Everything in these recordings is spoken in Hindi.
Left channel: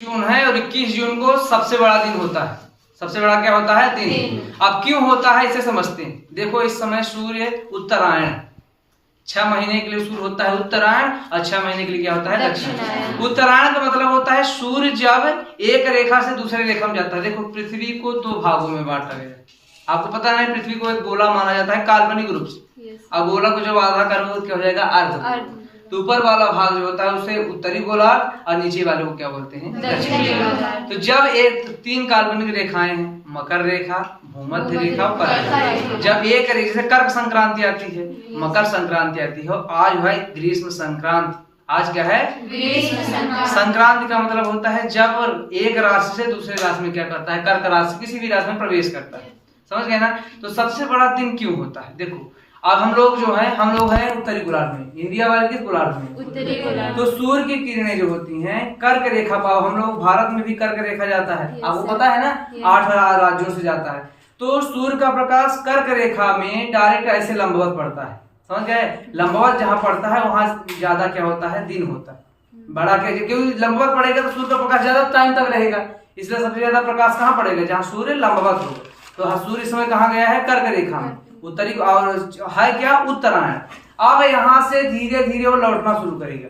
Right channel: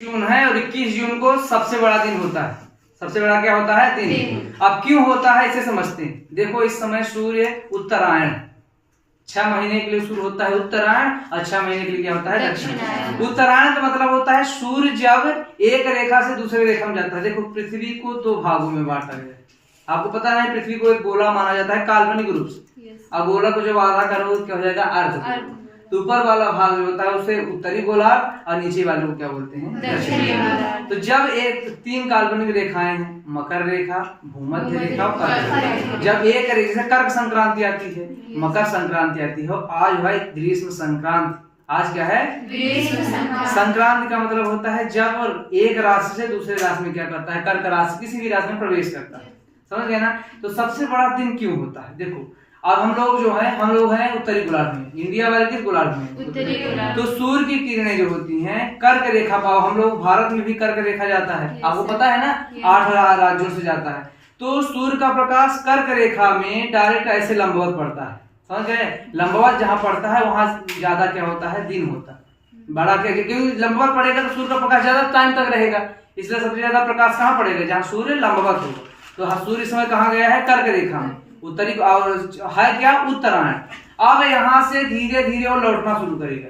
जून है और 21 जून को सबसे बड़ा दिन होता है। सबसे बड़ा क्या होता है? दिन। अब क्यों होता है इसे समझते हैं। देखो इस समय सूर्य उत्तरायण 6 महीने के लिए सूर्य होता है उत्तरायण और 6 महीने के लिए क्या होता है? दक्षिणायन। उत्तरायण का मतलब होता है सूर्य जब एक रेखा से दूसरे रेखा में जाता है। देखो पृथ्वी को 2 भागों में बांटा गया है। आपको पता है पृथ्वी को एक गोला माना जाता है काल्पनिक रूप से। अब गोला को जब आधा करो क्या हो जाएगा? अर्ध। तो ऊपर वाला भाग जो होता है उसे उत्तरी गोलार्ध और नीचे वाले को क्या बोलते हैं? दक्षिणी गोलार्ध। तो जब एक 3 काल्पनिक रेखाएं हैं, मकर रेखा, भूमध्य रेखा और कर्क रेखा, जब एक रेखा से कर्क संक्रांति आती है, मकर संक्रांति आती है, आज भाई ग्रीष्म संक्रांति। आज क्या है? ग्रीष्म संक्रांति। संक्रांति का मतलब होता है जब एक राशि से दूसरे राशि में क्या करता है? कर्क राशि किसी भी राशि में प्रवेश करता है। समझ गए ना? तो सबसे बड़ा दिन क्यों होता है? देखो अब हम लोग हैं उत्तरी गोलार्ध में, इंडिया वाले किस गोलार्ध में? उत्तरी गोलार्ध। तो सूर्य की किरणें जो होती हैं कर्क रेखा पाओ, हम लोग भारत में भी कर्क रेखा जाता है, आपको पता है ना? 8 राज्यों से जाता है। तो सूर्य का प्रकाश कर्क रेखा में डायरेक्ट ऐसे लंबवत पड़ता है। समझ गए? लंबवत जहाँ पड़ता है वहां ज्यादा क्या होता है? दिन होता है बड़ा। क्या क्योंकि लंबवत पड़ेगा तो सूर्य का प्रकाश ज्यादा टाइम तक रहेगा, इसलिए सबसे ज्यादा प्रकाश कहाँ पड़ेगा? जहाँ सूर्य लंबवत होगा। तो सूर्य इस समय कहाँ गया है? कर्क रेखा में, उत्तरी और है क्या? उत्तरायण। अब यहाँ से धीरे धीरे वो लौटना शुरू करेगा,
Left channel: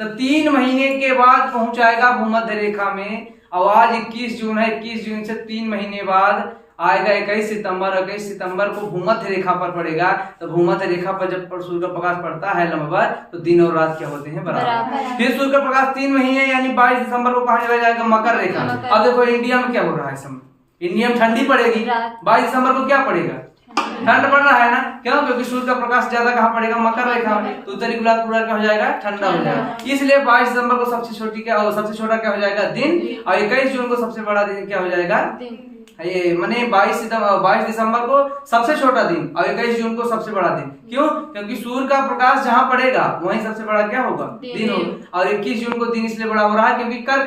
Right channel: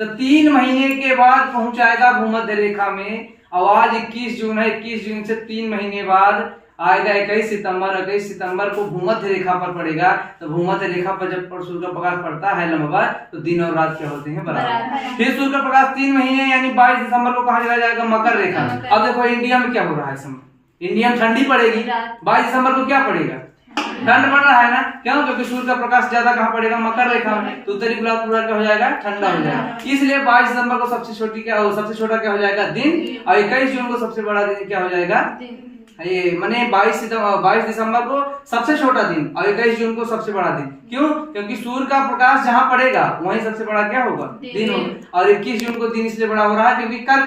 तो 3 महीने के बाद पहुंच आएगा भूमध्य रेखा में। और आज 21 जून है, 21 जून से 3 महीने बाद आएगा 21 सितंबर। 21 सितंबर को भूमध्य रेखा पर पड़ेगा। तो भूमध्य रेखा पर जब सूर्य का प्रकाश पड़ता है लंबवत, तो दिन और रात क्या होते हैं? बराबर। फिर सूर्य का प्रकाश 3 महीने यानी 22 दिसंबर को कहा चला जाएगा? मकर रेखा। अब देखो इंडिया में क्या हो रहा है समय? इंडिया में ठंडी पड़ेगी, 22 दिसंबर को क्या पड़ेगा? ठंड पड़ रहा है ना? क्यों? क्योंकि सूर्य का प्रकाश ज्यादा कहाँ पड़ेगा? मकर रेखा में। तो उत्तरी गोलार्ध पूरा क्या हो जाएगा? ठंडा हो जाएगा। इसलिए 22 दिसंबर को सबसे छोटा क्या हो जाएगा? दिन। और 21 जून को सबसे बड़ा दिन क्या हो जाएगा? ये माने 22 दिसंबर को सबसे छोटा दिन और 21 जून को सबसे बड़ा दिन। क्यों? क्योंकि सूर्य का प्रकाश जहाँ पड़ेगा वहीं सबसे बड़ा क्या होगा? दिन होगा। और 21 जून को दिन इसलिए बड़ा हो रहा है क्योंकि कर्क